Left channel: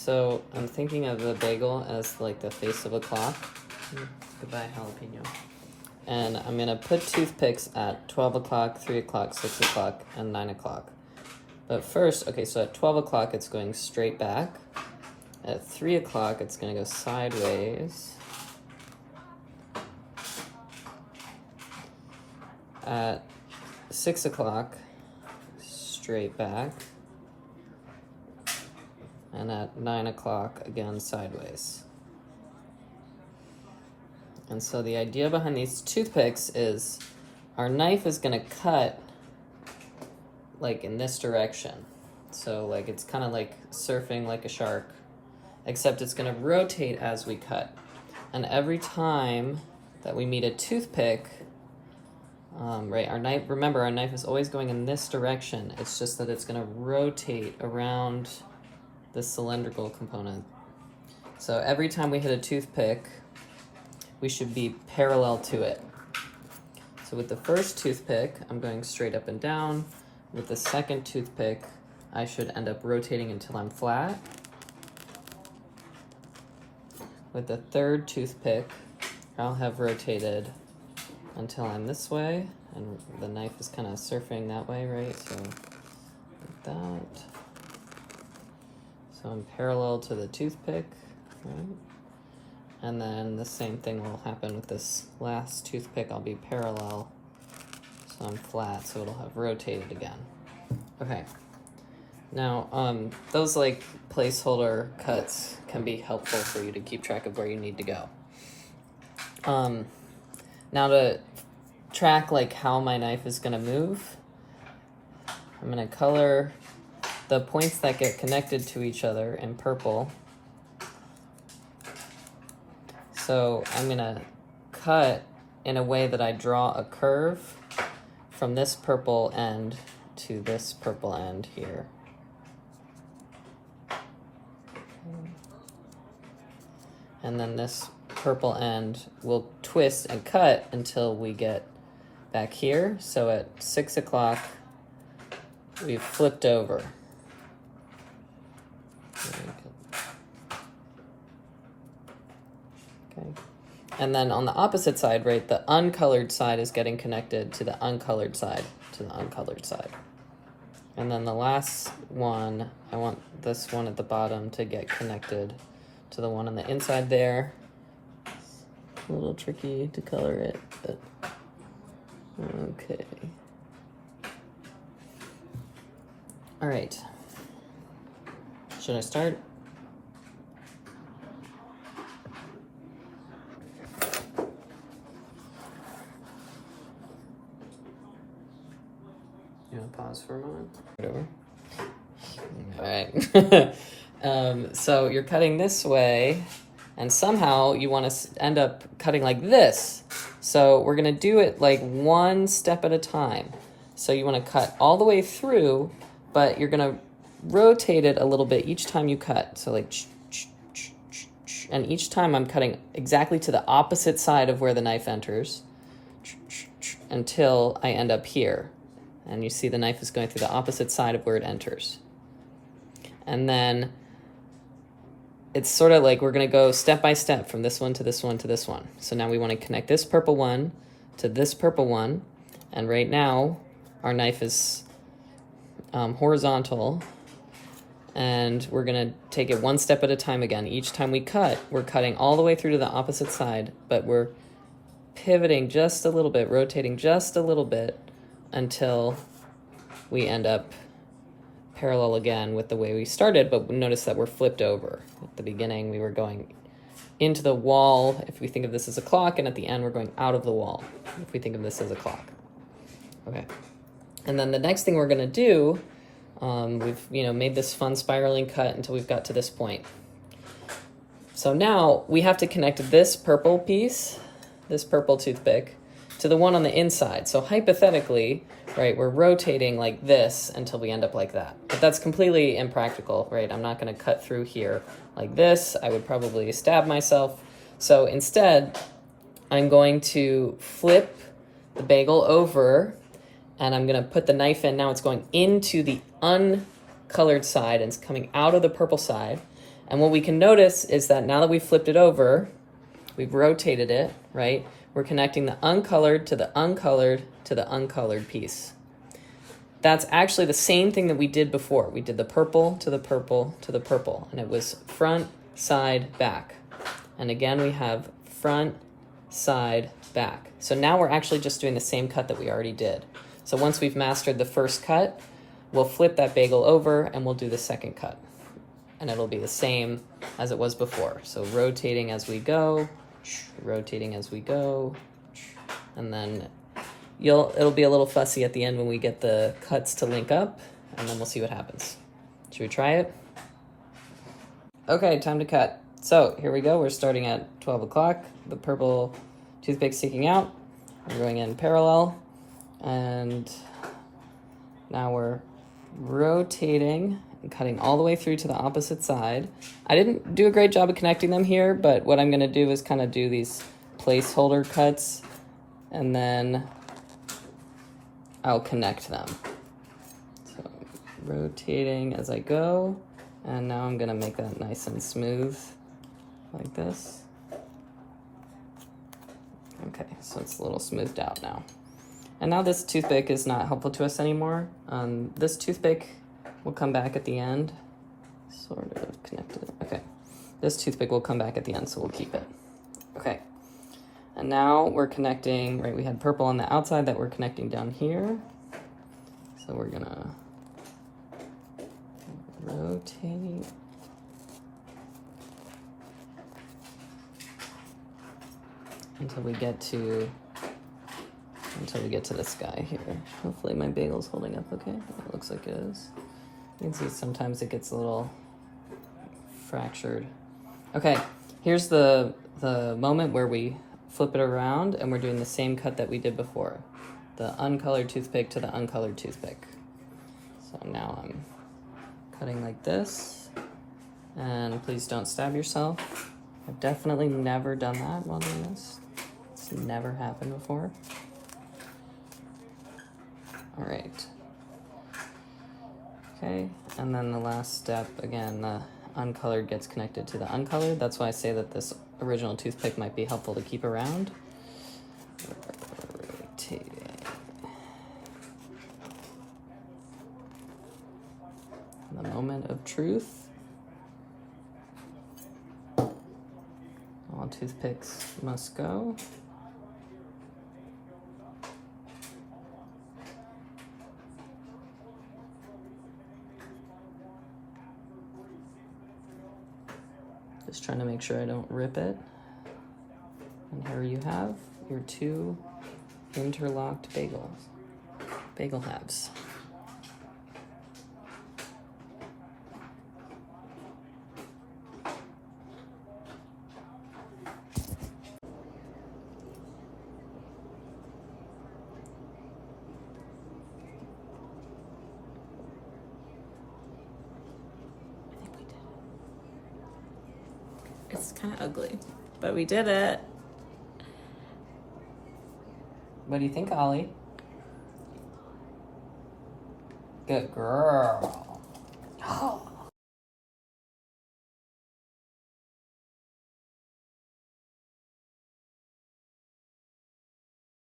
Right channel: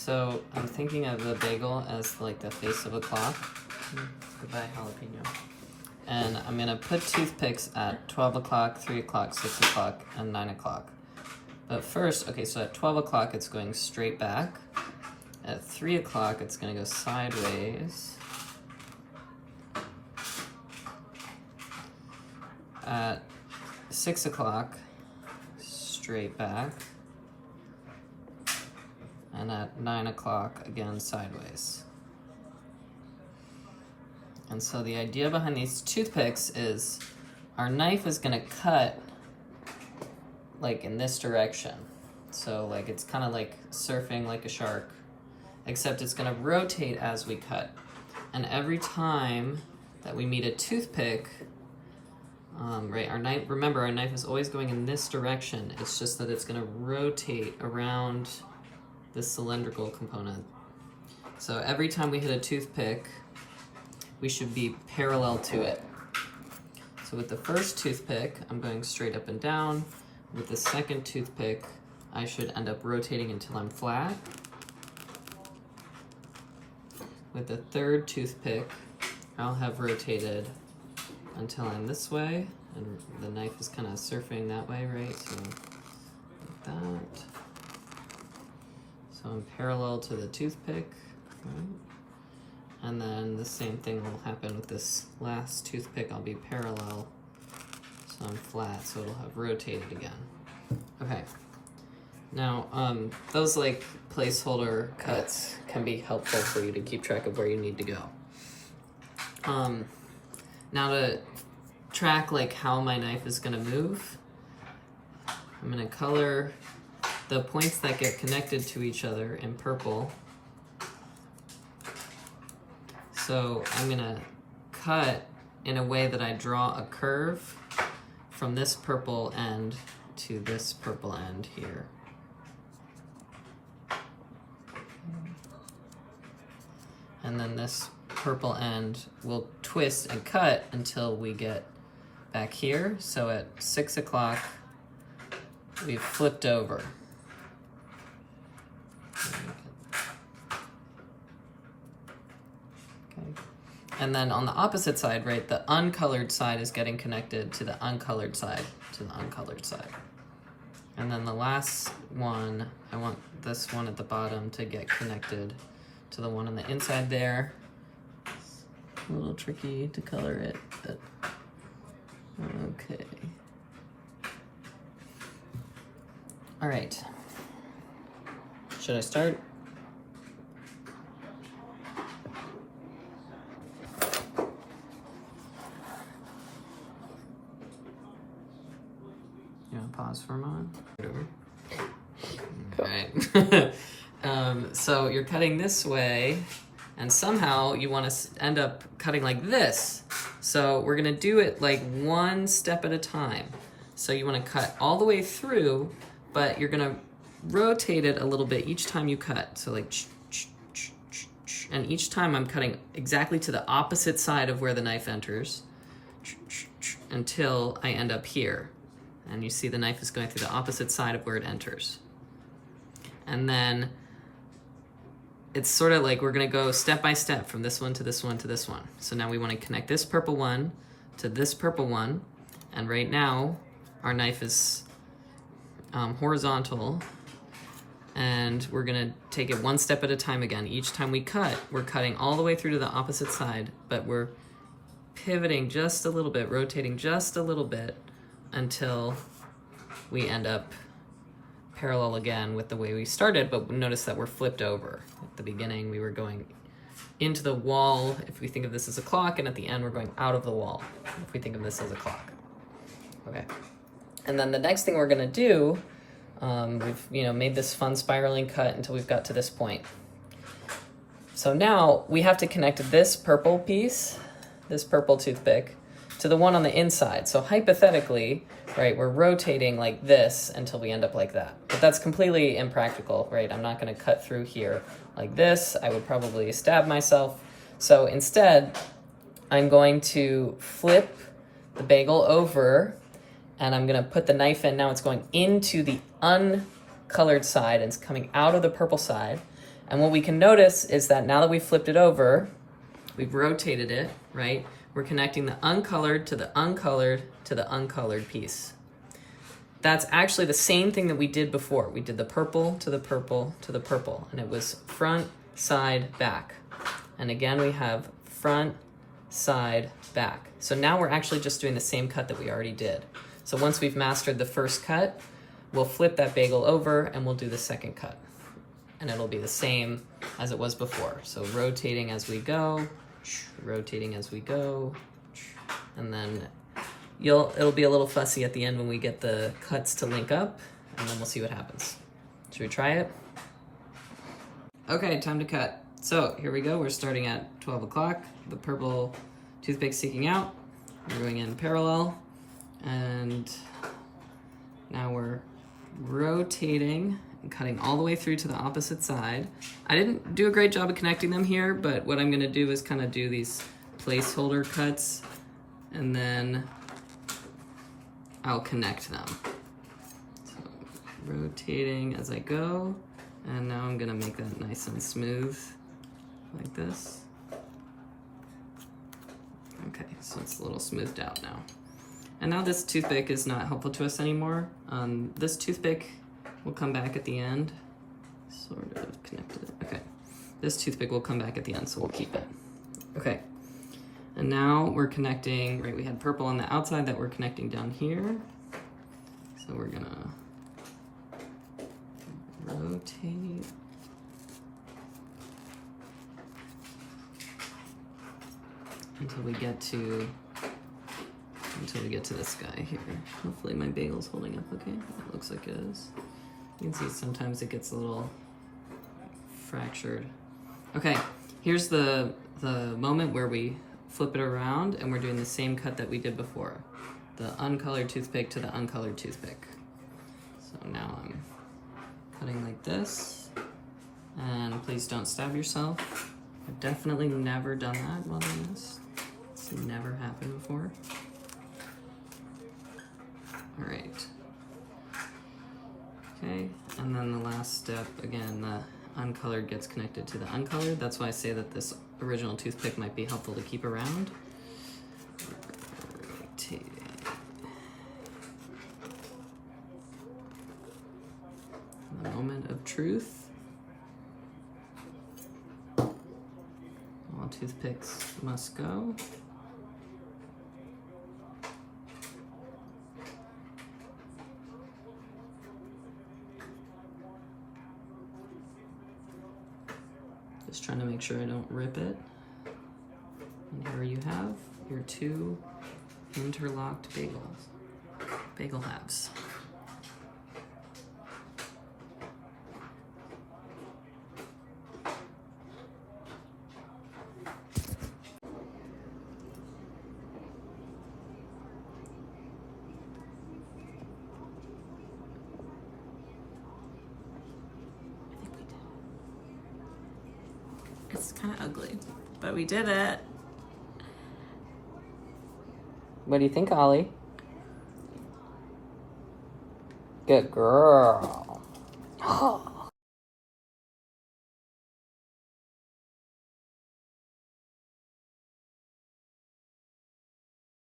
So I'm thinking of the bagel as like the face of a clock. Goodbye, jalapeno. And I'm gonna put toothpicks at 12 o'clock, 3 o'clock, 6 o'clock, and 9 o'clock. But first, okay, so at 12 o'clock it's going straight back. At 3 o'clock it's gonna go sideways. At 6 o'clock, straight back. And at 9 o'clock, again, sideways. And so the idea behind these toothpicks is our knife is gonna cut like in this direction. So like it's kind of like surfing like a shark, except it's gonna rotate as we cut. And every time that we meet a toothpick, right, our knife, remember our knife is always going in this direction. It's just that it's gonna rotate around the cylindrical component. So every time we hit a toothpick, we should be parallel to it. So with the first toothpick, I'm going straight up and down. With the second toothpick, I should end up rotating until I'm flat. With the third toothpick, I'll have rotated until I'm this way, and the knife is kind of surfing that way, right? So like that. So I'm parallel to the toothpick, right? And then the same thing will happen with this last toothpick. I'll be parallel, so I'm flat, so it'll have rotated again. Okay. Now, those like placeholder cuts can be helpful for you to keep track of where you need to go. Now to track like how my knife is gonna move, I'm gonna color the points that get connected to each other in purple. So I'm gonna cut in a way that I draw a curve from this purple end to this purple end here. And then this purple end will twist and cut until we get back here. So at 6 o'clock, we've flipped over. Okay. And then on the opposite side, right, the uncolored side is getting connected to the uncolored side, to the uncolored side. And then the last one, I want this one at the bottom to get connected to the one on the inside there. It's a little tricky to color it, but okay. All right. Should I start? You want to pause for a moment? Whatever. All right. So you're cutting this way, and somehow you want to end up cutting like this. So we're going to do it like one step at a time. So you want to cut all the way through, but you're going to rotate it a little bit each time you cut. So like, and each time I'm cutting exactly to the opposite side of where the knife enters until I end up here. And you see the knife is going through the opposite side of where it enters. And then it's sort of like we're going to go step by step from this one to this one to this one. So now we want to connect this purple one to this purple one. And right now our knife is horizontal. And we're going to take it one step at a time again. Each time we cut, we're cutting all the way through to the opposite side, but we're pivoting just a little bit, rotating just a little bit until we end up parallel again with the way we started, but notice that we're flipped over. At the beginning, we were going into the wall, if we think of this as a clock, and at the end, we're going out of the wall, if we think of this as a clock. Okay. And then the next thing we're gonna do, we've made this fun spiraling cut until we've got to this point. So now we have to connect this purple piece, this purple toothpick, to the one on the inside. So hypothetically, right, we're rotating like this until we end up like that. But that's completely impractical, right? I'm not gonna cut through here like this. I would probably stab myself. So instead, I'm going to flip the bagel over and I'm gonna put the knife in. Now it's going into the uncolored side and it's coming out of the purple side. And what we can notice is that now that we've flipped it over, we've rotated it, right? We're connecting the uncolored to the uncolored to the uncolored piece. That's actually the same thing that we did before. We did the purple to the purple to the purple, and it was front, side, back. And again, we have front, side, back. So now we're actually just doing the same cut that we already did. So once we've mastered the first cut, we'll flip that bagel over and we'll do the second cut. And it'll be the same as it was before. So rotating as we go, rotating as we go, and then it'll be a little fussy at the end when we get the cuts to link up, and then we'll see what happens. Should we try it? Okay, time to cut. So here we go. We're starting at 12 o'clock. The purple toothpick sticking out. We're going in parallel, and now we're rotating and cutting all the way through to the opposite side. I didn't do a great job of connecting them here, but what I'm gonna do is kind of do these placeholder cuts, and then I'll connect them. So rotating as I go, and now I'm gonna make that nice and smooth like this. Okay, so it's a little smoothed out now. And now this toothpick is not helpful to us anymore. This toothpick will come back at the end. Sort of connected, okay. This toothpick will come back at the end, so we'll keep it. Okay, and now we're connecting, right, we had purple on the outside that we're connecting down here. So we're gonna rotate. Until we get to this guy here. Hopefully my bagel's holding up okay. It looks like it is. You can see sometimes it gets a little fractured. Okay, here's the moment where we flip it around and we're doing the same cut that we did before. The uncolored toothpick to the uncolored toothpick. So now I'm cutting like this. And please don't stab yourself. I've definitely never done that while doing this. It's never happened before. All right. Okay, and then the last step, again, the uncolored gets connected to the uncolored. That's why I say that this original toothpick might be helpful to keep around. Rotating. The moment of truth. All toothpicks must go. Just trying to make sure I don't rip it. And here you have your two interlocked bagel halves. It's kind of ugly, but we did it. What do you think, Ollie? Good girl.